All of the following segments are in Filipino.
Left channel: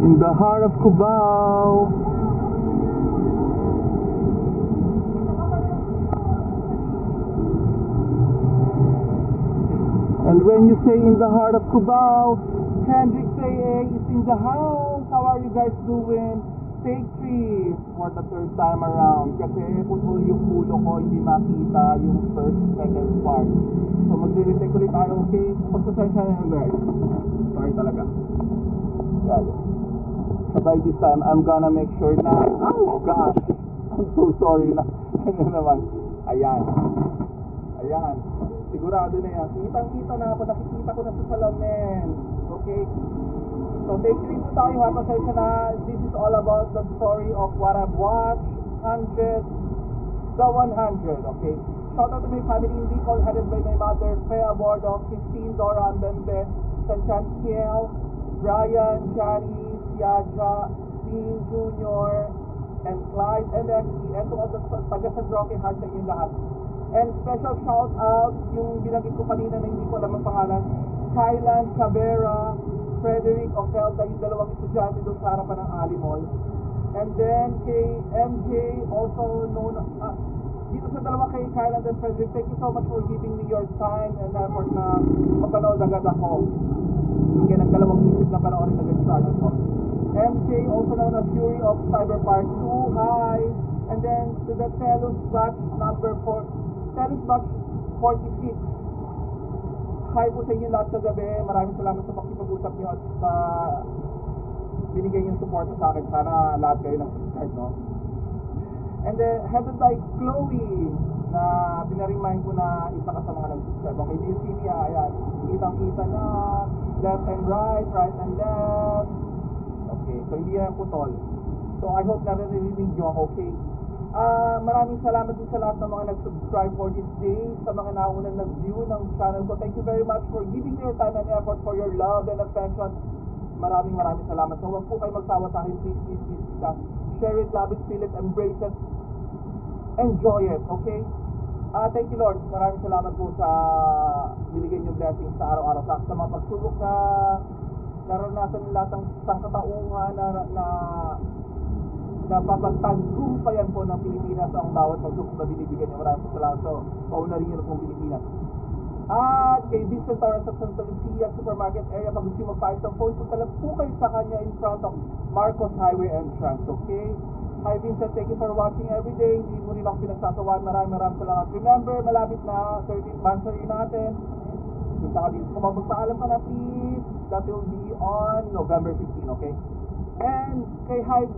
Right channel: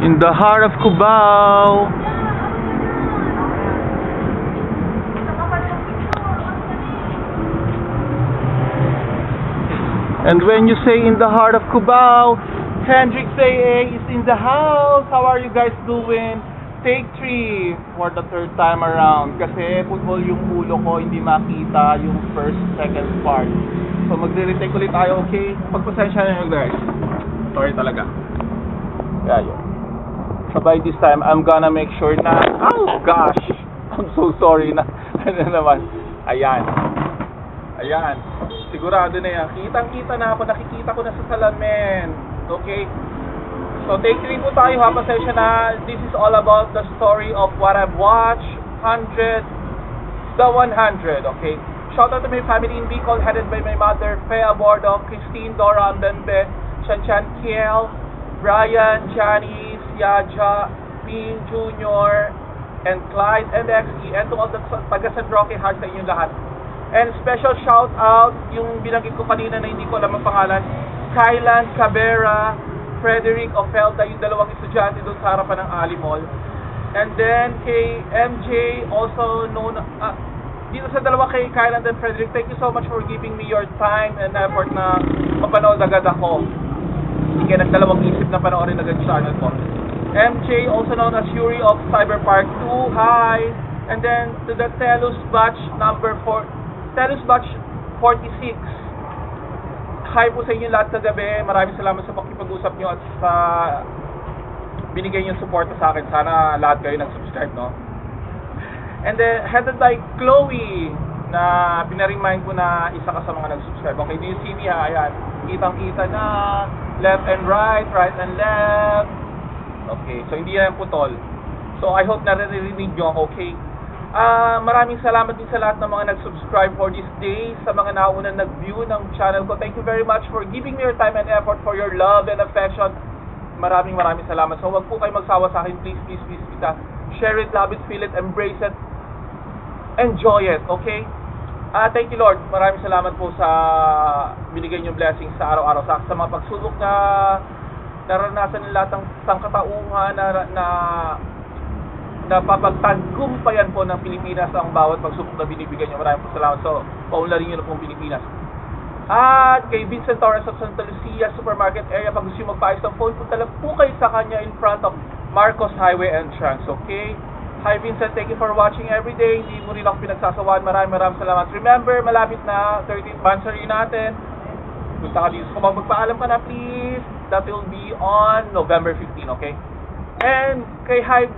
In the heart of Cubao. And when you say in the heart of Cubao, Hendrik say is in the house. How are you guys doing? Take 3 for the 3rd time around. Kasi football yung ulo ko, hindi makita yung first, second part. So magre-retake ulit tayo, okay? Pagpasensya na yun guys. Sorry talaga. Yeah, yun. So by this time, I'm gonna make sure na, oh gosh, I'm so sorry na, ano naman, ayan, sigurado na yan, kitang-kita na ako, nakikita ko na sa salamin, okay, so take 3 po tayo ha, pasensya na, this is all about the story of what I've watched, 100, the 100, okay, shout out to my family in Bicol, headed by my mother, Fea Bordo, Christine, Dora, Ambembe, Chanchan Kiel, Brian, Janice, Yaja, Bean Jr., and Clyde, and XE, and to all the taga San Roque Heart sa inyong lahat. And special shout out, yung binanggit ko kanina na hindi ko alam ang pangalan, Kylan Cabera, Frederick Ofelta, yung dalawang estudyante doon sa harapan ng Ali Mall. And then kay MJ, also known, dito sa dalawa kay Kylan and Frederick, thank you so much for giving me your time and effort na mapanood agad ako. Hindi kayo nagdalawang isip na panoorin agad sa channel ko. MJ, also known as Yuri of Cyberpark 2, hi! And then to the Telus Batch number 4, Telus Batch 46, hi po sa inyo lahat kagabi. Maraming salamat sa pakipag-usap nyo at sa binigay nyo suporta sa akin. Sana lahat kayo nag-subscribe, no? And then headed by Chloe, na pinaremind ko na isa ka sa mga nag-subscribe. Okay, do you see me ha? Ayan, kitang-kita na, left and right, right and left. Okay, so hindi yan putol. So I hope naririnig nyo ako, okay? Maraming salamat din sa lahat ng mga nag-subscribe for this day, sa mga naunang nag-view ng channel ko. Thank you very much for giving me your time and effort, for your love and affection. Maraming salamat. So wag po kayo magsawa sa akin, please, share it, love it, feel it, embrace it, enjoy it, okay? Thank you Lord, maraming salamat po sa binigay niyong blessings sa araw-araw, sa mga pagsubok na naranasan ng lahat ng sangkatauhan na napapagtagumpayan po ng Pilipinas ang bawat pagsubok na binibigyan niyo. Maraming po salamat. So, paunlarin niyo na pong Pilipinas. At kay Vincent Torres of Santa Lucia Supermarket area, pag gusto nyo magpaayos ng phone, punta lang po kayo sa kanya in front of Marcos Highway entrance, okay? Hi Vincent, thank you for watching every day. Hindi mo rin ako pinagsasawaan. Maraming salamat. Remember, malapit na 13th anniversary natin. Punta ka dito. Kung magpaalam ka na, please. That will be on November 15, okay? And kay hi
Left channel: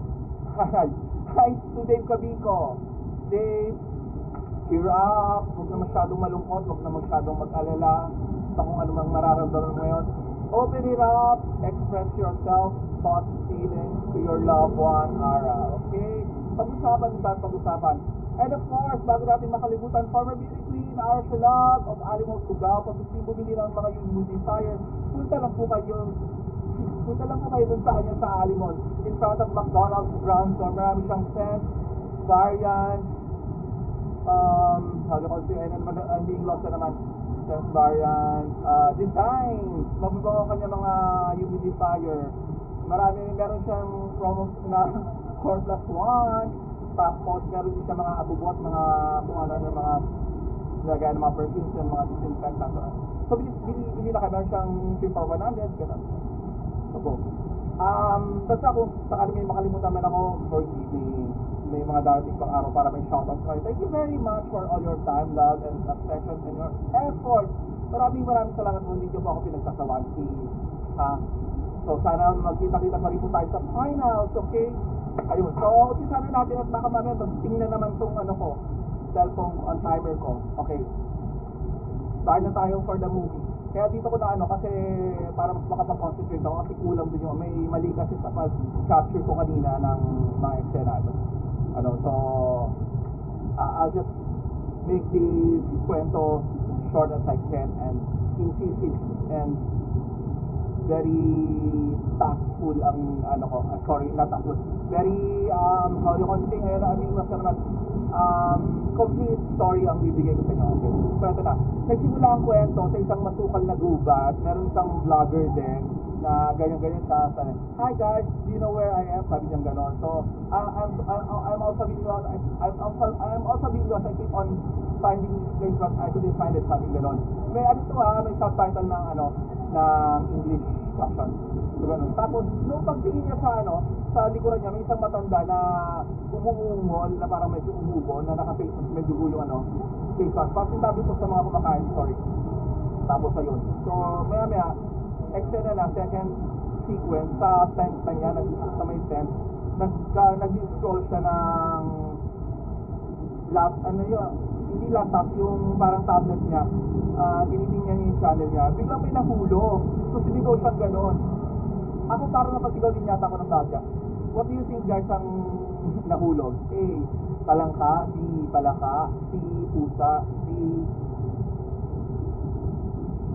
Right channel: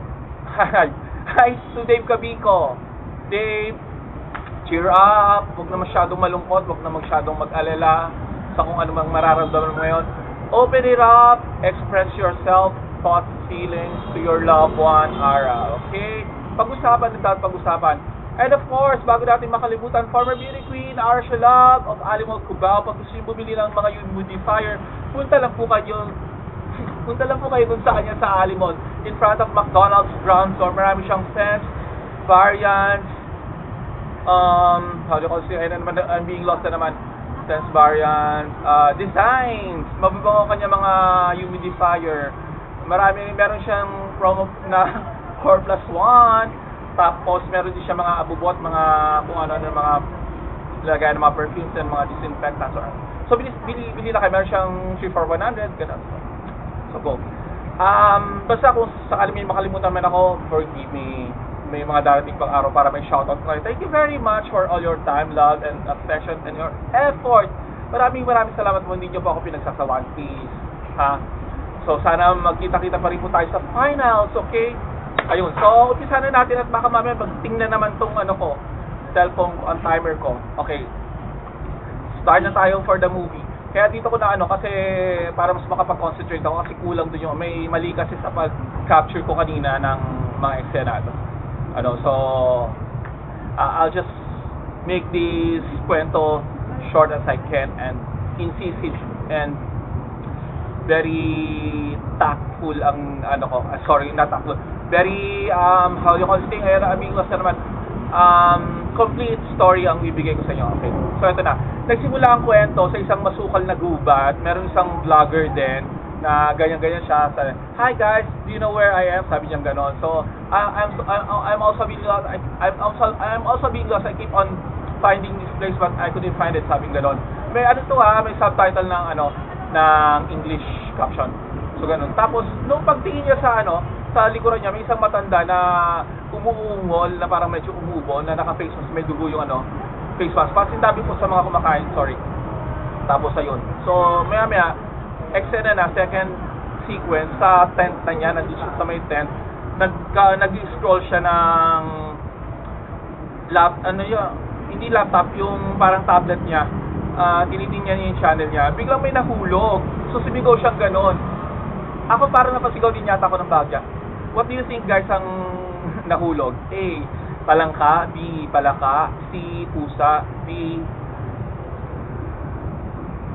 to Dave Cabico. Dave, cheer up. Huwag na masyadong malungkot. Huwag na masyadong mag-alala sa kung ano mang mararamdaman mo ngayon. Open it up. Express yourself, thoughts, feelings to your loved one, Ara. Okay? Pag-usapan at pag-usapan. And of course, bago natin makalimutan, former beauty queen, Ara Shalab of Ali Mall Cubao. Pag gusto nyo bumili ng mga humidifier, punta lang po kayo dun sa kanya sa Ali Mall. In front of McDonald's ground floor. Marami siyang scents, variants, how do you call it? I'm being lost na naman. Scents, variants, designs. Mababango kanya mga humidifier. Meron siyang promo na 4+1. Tapos meron din siya mga abubot, mga kung ano ng mga lagayan ng mga perfumes and mga disinfectants. So bili na kayo, meron siyang 3 for 100, ganun. So go. Basta kung sakali may makalimutan man ako, forgive me. May mga darating pang araw para may shoutout kayo. Thank you very much for all your time, love, and affection, and your effort. Maraming salamat po. Hindi niyo po ako pinagsasawaan, please. Ha? So sana magkita-kita pa rin po tayo sa finals, okay? Ayun, so umpisa na natin at baka mamaya magtingnan naman tong ano ko, cellphone ko, ang timer ko. Okay, start na tayo for the movie. Kaya dito ko na kasi para mas makapag-concentrate ako kasi kulang dun yung may mali kasi sa pag-capture ko kanina ng mga eksena. So I'll just make this kwento short as I can and incisive and very tactful ang not tactful, very how you call this thing, amigos na naman, complete story ang bibigay ko sa inyo. Okay, so ito na, nagsimula ang kwento sa isang masukal na gubat. Meron isang vlogger din na ganyan-ganyan siya. Sabi, "Hi guys, do you know where I am?" Sabi niya ganon. So, I'm also being lost. I'm also being lost. I keep on finding this place but I couldn't find it. Sabi ganon. May ano to may subtitle ng ng English caption. So ganun. Tapos nung pagtingin niya sa likuran niya, may isang matanda na umuungol na parang medyo umubo na naka-face mask, may dugo yung face mask. Parang sinabi po sa mga kumakain, sorry. Tapos ayun. So maya-maya, eksena na, second sequence sa tent na niya, nandito siya sa may tent. Nag-scroll siya ng hindi laptop, yung parang tablet niya. Tinitingnan niya yung channel niya. Biglang may nahulog. So sumigaw siyang ganon. Ako parang napasigaw din yata ako ng bagya. What do you think guys ang nahulog? A. Palangka. B. Palaka. C. Pusa. D.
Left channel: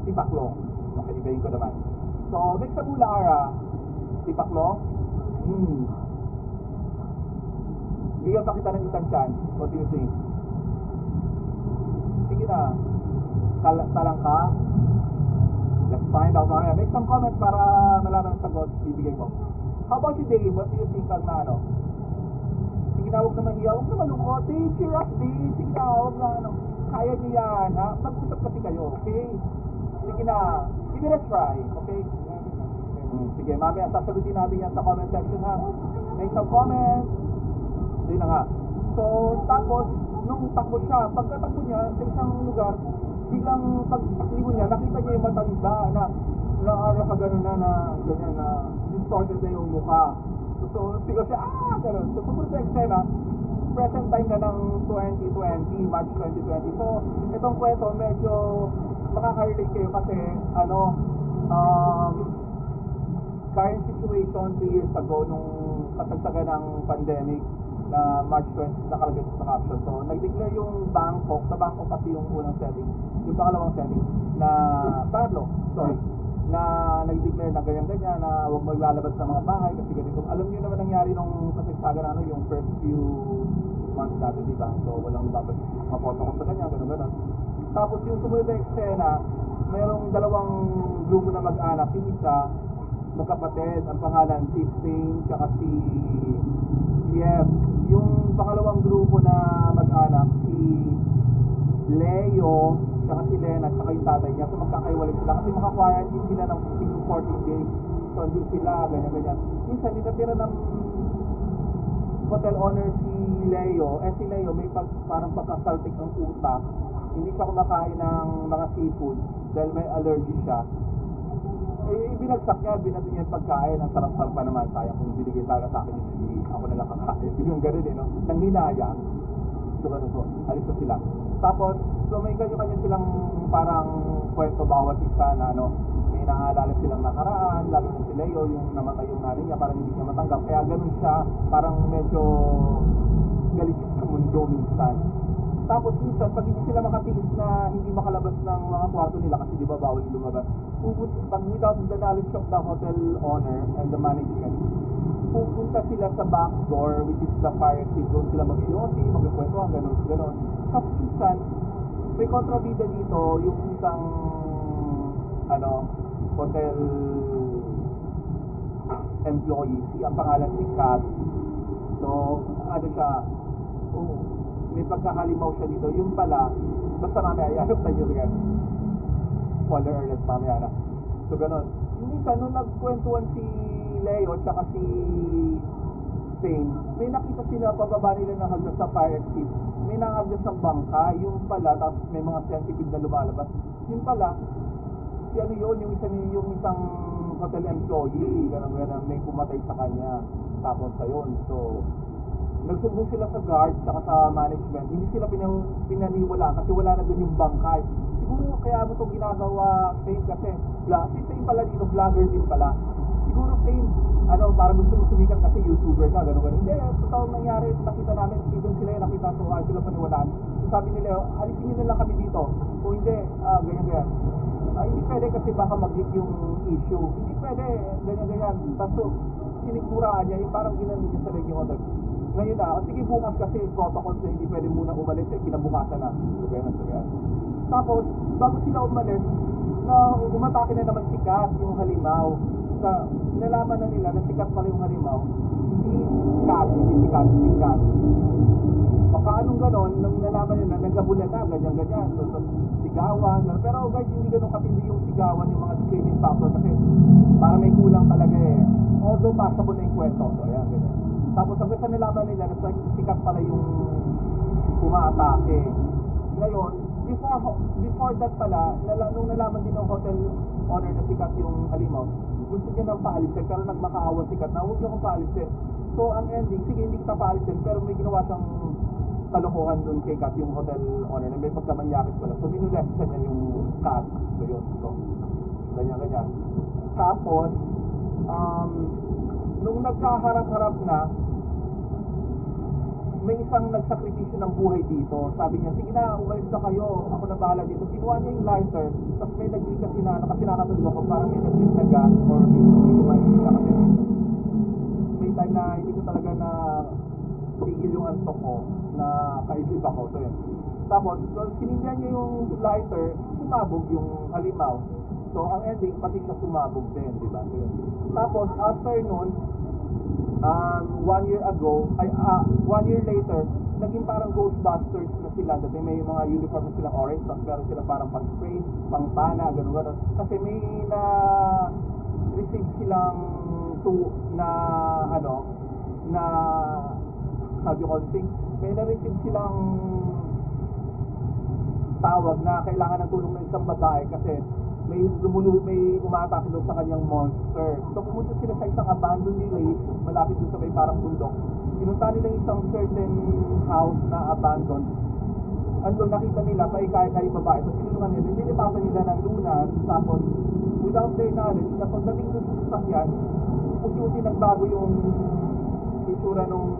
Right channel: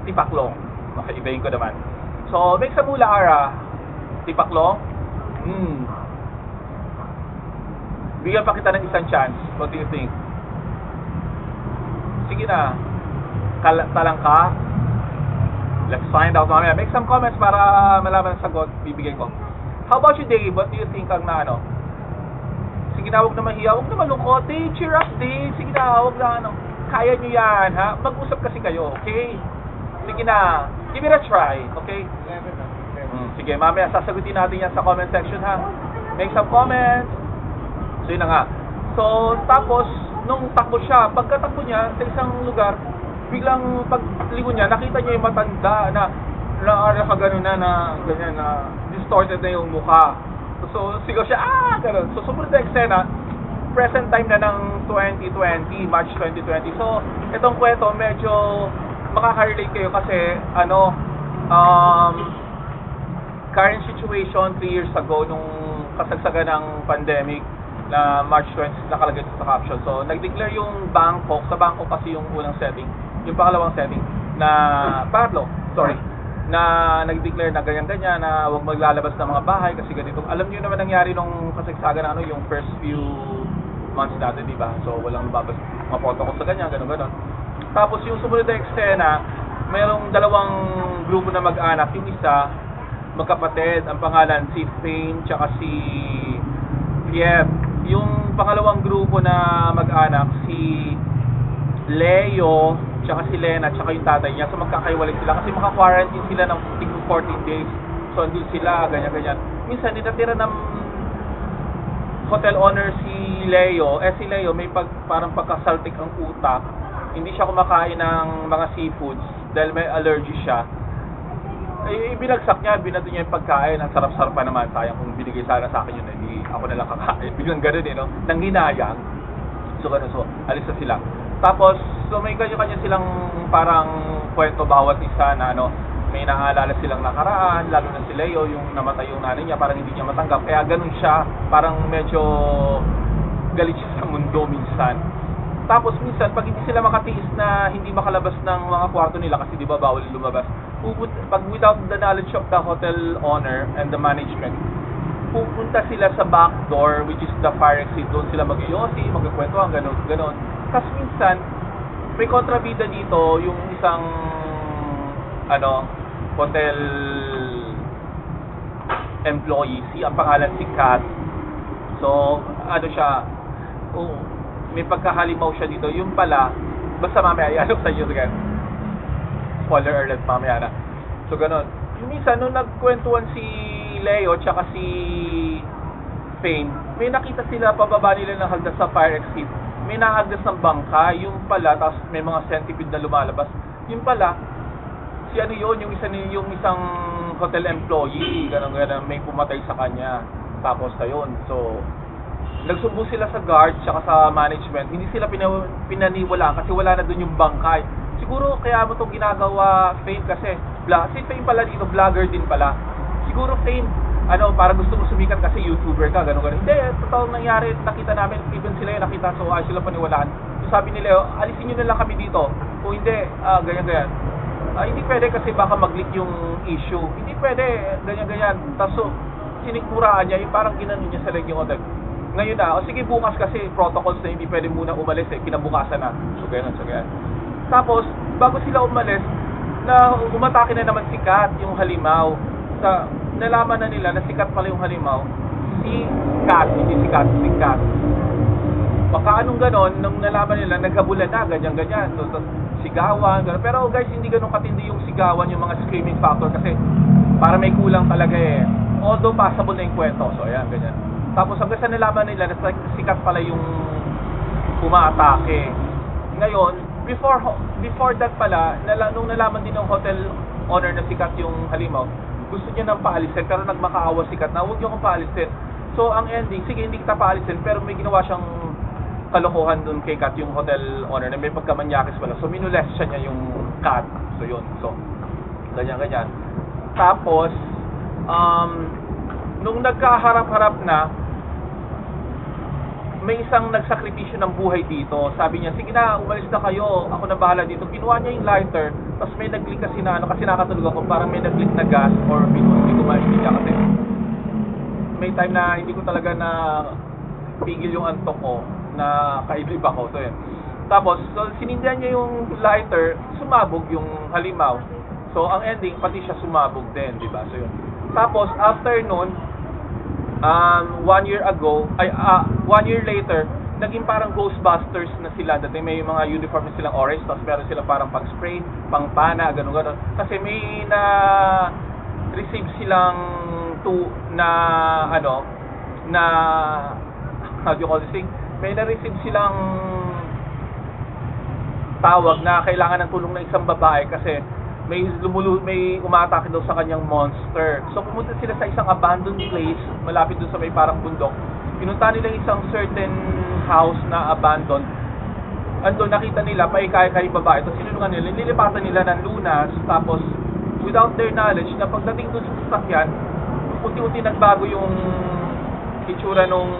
Tipaklong. Okay, ibahin ko naman. So, make sa mula ara. Tipaklong? Bigyan pa kita ng isang chance. What do you think? Sige na. Talangka? Let's find out mamaya. Make some comments para malaman ang sagot bibigay ko. How about you, Dave? What do you think ang Sige na, huwag na mahiya, huwag na malungkot. Dave, cheer up, Dave. Sige na, huwag na kaya nyo yan, ha? Mag-usap kasi kayo, okay? Sige na, give it a try, okay? Sige, mamaya sasagutin natin yan sa comment section, ha? Make some comments. So, yun na nga. So, tapos, nung takbo siya, pagkatakbo niya sa isang lugar, biglang paglingon niya, nakita niya yung matanda na nakagano na ganyan na distorted na yung mukha. So sigaw siya, gano'n. So sumunod na eksena, present time na ng 2020, March 2020. So itong kwento medyo makaka-relate kayo kasi current situation 3 years ago nung kasagsagan ng pandemic na March 20 nakalagay sa caption. So nag-declare yung Bangkok, sa Bangkok kasi yung unang setting, yung pangalawang setting na na nag-declare na ganyan-ganyan na huwag maglalabas ng mga bahay kasi ganito. Alam niyo naman nangyari nung kasagsagan ng yung first few months natin, di ba? So walang lumabas mga protocol sa ganyan, gano'n. Tapos yung sumunod na eksena, mayroong dalawang grupo na mag-anak, yung isa magkapatid, ang pangalan si Fane tsaka si Piet. Yung pangalawang grupo na mag-anak, si Leo, tsaka si Lena, tsaka yung tatay niya. So magkakaiwalay sila kasi maka-quarantine sila ng 14 days. So andun sila, ganyan-ganyan. Minsan, ninatira ng hotel owner si Leo. Si Leo may parang pagkasaltik ang utak. Hindi siya kumakain ng mga seafoods dahil may allergy siya. Binagsak niya, binato niya yung pagkain. Ang sarap-sarap pa naman. Sayang kung binigay sana sa akin yun, hindi ako nalang kakain. Biglang gano'n nang hinayang. So gano'n, so alis na sila. Tapos, so may kanya-kanya silang parang kwento bawat isa na may naalala silang nakaraan, lalo na si Leo, yung namatay yung nanay niya, parang hindi niya matanggap. Kaya ganun siya, parang medyo galit siya sa mundo minsan. Tapos minsan, pag hindi sila makatiis na hindi makalabas ng mga kwarto nila, kasi di ba bawal lumabas, pag without the knowledge of the hotel owner and the management, pupunta sila sa back door, which is the fire exit. Doon sila mag-iyosi, magkakwentuhan, gano'n. Tapos minsan, may kontrabida dito, yung isang hotel employee, ang pangalan si Kat. So, siya, may pagkahalimaw siya dito. Yung pala, basta mamaya, ialok sa inyo again. Spoiler alert, mamaya na. So, ganun. Yung minsan, nung nagkwentuhan si Leo tsaka si Fane, may nakita sila pababa nila ng hagdas sa fire exit. May naagdas ng bangka, yung pala, tapos may mga centipede na lumalabas. Yung pala, si yung isang hotel employee, gano'n, may pumatay sa kanya. Tapos ayun, so nagsubo sila sa guard tsaka sa management. Hindi sila pinaniwalaan kasi wala na doon yung bangkay. Siguro kaya mo itong ginagawa, Fame, kasi si Fame pala dito, vlogger din pala. Siguro Fame, para gusto mo sumikat kasi YouTuber ka, gano'n. Hindi, totoong nangyari, nakita namin, even sila yung nakita, so sila paniwalaan. So sabi nila, alisin nyo na lang kami dito. Kung hindi, ganyan-ganyan. Hindi pwede kasi baka mag-leak yung issue. Hindi pwede, ganyan-ganyan. Tapos so, sinikmuraan niya, yung parang ginanon niya sa leg yung hotel. Ngayon na, sige bukas kasi protocols na hindi pwede muna umalis, kinabukasan na. So ganyan. Tapos, bago sila umalis, umatake na naman si Kat, yung halimaw. nalaman na nila na sikat pala yung halimaw, si Kat, hindi si Kat, si Kat. Baka anong ganon, nung nalaman nila, naghabulan na, ganyan-ganyan. So, sigawan, gano'n. Pero guys, hindi ganun katindi yung sigawan, yung mga screaming factor kasi para may kulang talaga eh. Although passable na yung kwento. So, ayan, ganyan. Tapos hanggang sa nalaman nila na sikat pala yung umaatake. Ngayon, before that pala, nung nalaman din ng hotel owner na sikat yung halimaw, gusto niya nang paalisin, pero nagmakaawa sikat na, huwag niyo akong paalisin. So, ang ending, sige, hindi kita paalisin, pero may ginawa siyang kalokohan dun kay Kat, yung hotel owner, na may pagkamanyakis pala. So, minulest siya niya yung Kat. So, yun. So, ganyan-ganyan. Tapos, nung nagkaharap-harap na, may isang nagsakripisyo ng buhay dito. Sabi niya, sige na, umalis na kayo. Ako na bahala dito. Kinuha niya yung lighter. Tapos may nag-leak kasi na, kasi nakatulog ako, parang may nag-leak na gas or hindi ko maintindihan kasi may time na hindi ko talaga na pigil yung antok ko na kaidlip ako. So, yun. Tapos, so, sinindihan niya yung lighter, sumabog yung halimaw. So, ang ending, pati siya sumabog din, di ba? So, yun. Tapos, after nun, 1 year later, naging parang Ghostbusters na sila. Dati may mga uniform na silang orange, tapos meron sila parang pang-spray, pang-pana, gano'n-gano'n. Kasi may receive silang how do you call this thing? May na-receive silang tawag na kailangan ng tulong ng isang babae kasi may umaatake daw sa kanyang monster. So pumunta sila sa isang abandoned place malapit doon sa may parang bundok. Pinunta nila isang certain house na abandoned. Andun nakita nila paikay-kay babae. Tapos sinulungan nila, nililipatan nila ng lunas. Tapos without their knowledge na pagdating doon sa sasakyan, unti-unti nagbago yung itsura nung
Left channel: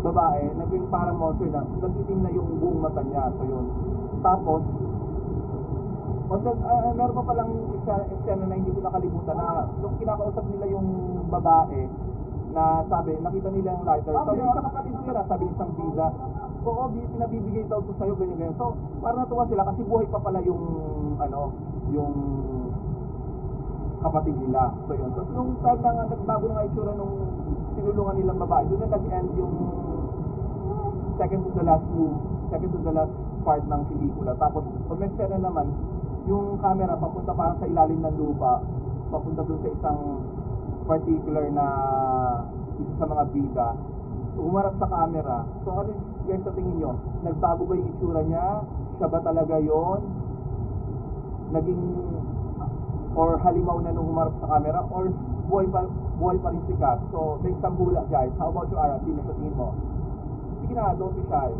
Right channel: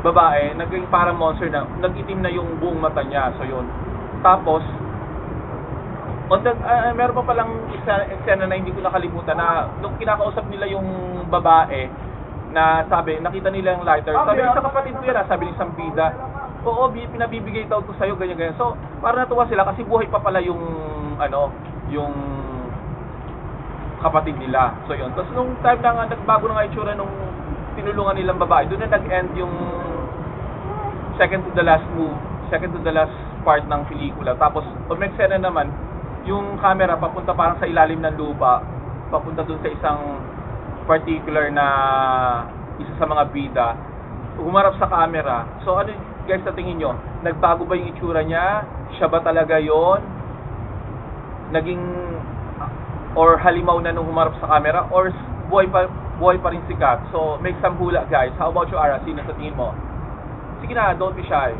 babae, naging parang monster na, nag-itim na yung buong mata niya. So yun. Tapos meron pa palang eksena na hindi ko nakalimutan na nung kinakausap nila yung babae na sabi, nakita nila yung lighter. Sabi, sa kapatid ko yan, sabi ni isang bida, oo, pinabibigay daw to sa'yo, ganyan-ganyan. So, parang natuwa sila kasi buhay pa pala yung yung kapatid nila. So yun. Tapos nung time na nga, nagbago na nga itsura nung tinulungan nilang babae, doon na nag-end yung second to the last part ng pelikula. Tapos, umeksena naman, yung camera papunta parang sa ilalim ng lupa, papunta doon sa isang particular na isa sa mga bida, humarap sa camera. So ano guys, sa tingin nyo, nagbago ba yung itsura niya? Siya ba talaga yon? Naging or halimaw na nung humarap sa camera, or buhay pa rin si Kat? So make some hula guys. How about you, Ara? Sino sa tingin mo? Sige na, don't be shy.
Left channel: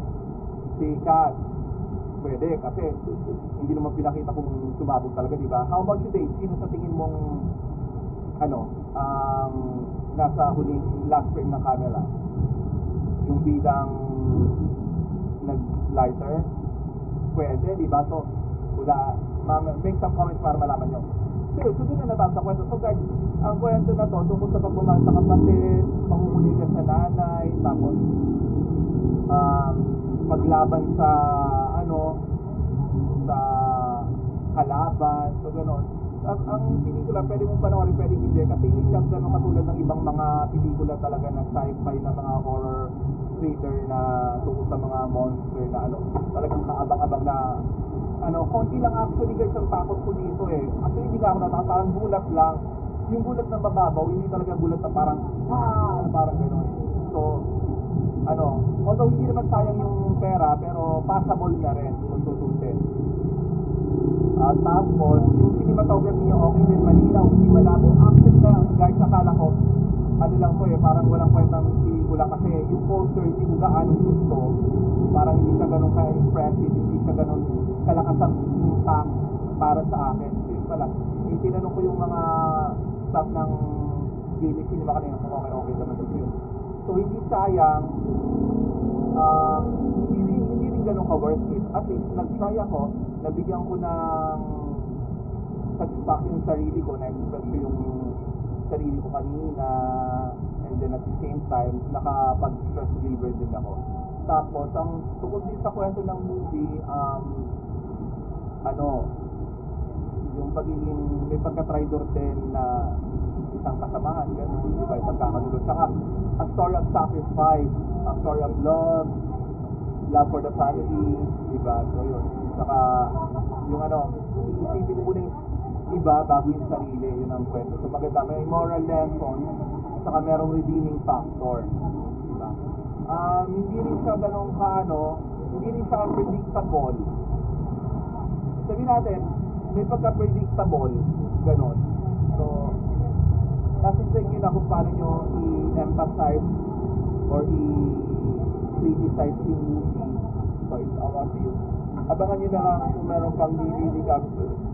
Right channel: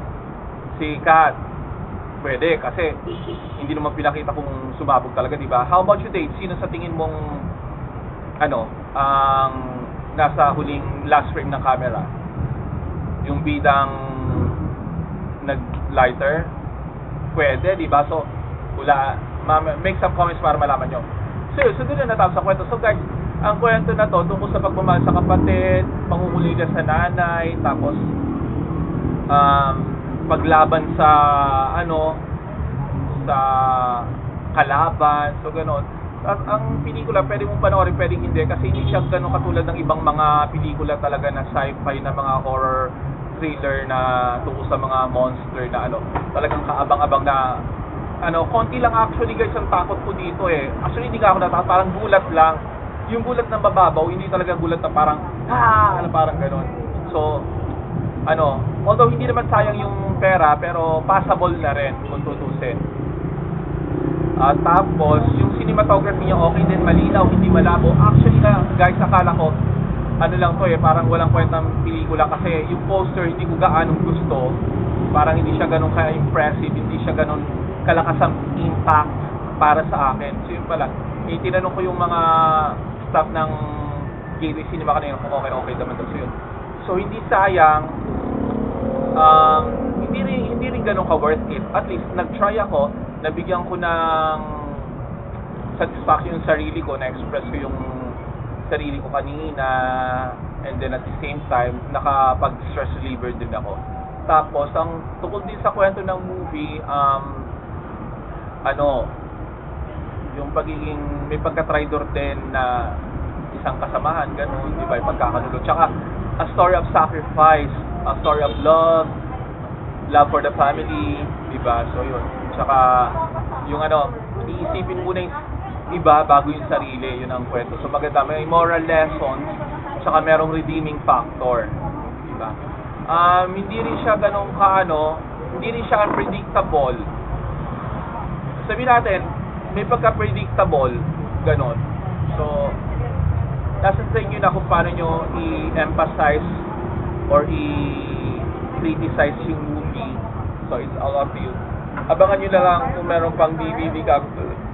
Si Kat. Pwede kasi hindi naman pinakita kung sumabog talaga, di ba? How about you, Dave? Sino sa tingin mong ang nasa huling last frame ng camera? Yung bidang nag-lighter? Pwede, di ba? So, make some comments para malaman nyo. So doon na natapos sa kwento. So guys, ang kwento na to tungkol sa pagmamahal sa kapatid, pangunguligan sa nanay, tapos paglaban sa sa kalaban, so gano'n. At ang pelikula pwede mong panoorin, pwedeng hindi kasi hindi siya gano'n katulad ng ibang mga pelikula talaga na sci-fi na mga horror thriller na tungkol sa mga monster na talagang kaabang-abang na konti lang actually guys ang takot ko dito eh. Actually hindi ka ako natakot, parang gulat lang. Yung gulat ng mababaw, hindi talaga gulat na parang parang gano'n. So although hindi naman sayang yung pera, pero passable na rin kung tutusin. Tapos, yung cinematography niya okay din, malinaw, hindi malabo. Actually na, guys, akala ko, lang to parang walang kwentang pelikula kasi yung poster hindi ko gaanong gusto. Parang hindi siya ganun ka-impressive, hindi siya ganun kalakas ang impact para sa akin. So yun pala, tinanong ko yung mga staff ng Gateway Cinema kanina kung okay naman daw. So yun. So hindi sayang, hindi rin ganun ka worth it. At least nag-try ako, nabigyan ko ng satisfaction yung sarili ko, na-express ko yung sarili ko kanina, and then at the same time nakapag-stress reliever din ako. Tapos ang tungkol din sa kwento ng movie, yung pagiging may pagka-traitor din na isang kasamahan, ganun, di ba, yung pagkakanulo. Tsaka, a story of sacrifice, a story of love for the family, di ba? So, yun. Tsaka, yung ano, iisipin mo na yung iba bago yung sarili, yun ang kwento. So, maganda, may moral lessons, tsaka merong redeeming factor, di ba? Hindi rin siya ganun hindi rin siya unpredictable. Sabihin natin, may pagka-predictable, ganun. So, nasa sa inyo na kung paano nyo i-emphasize or i-criticize yung movie. So, it's all up to you. Abangan nyo na lang kung meron pang DVD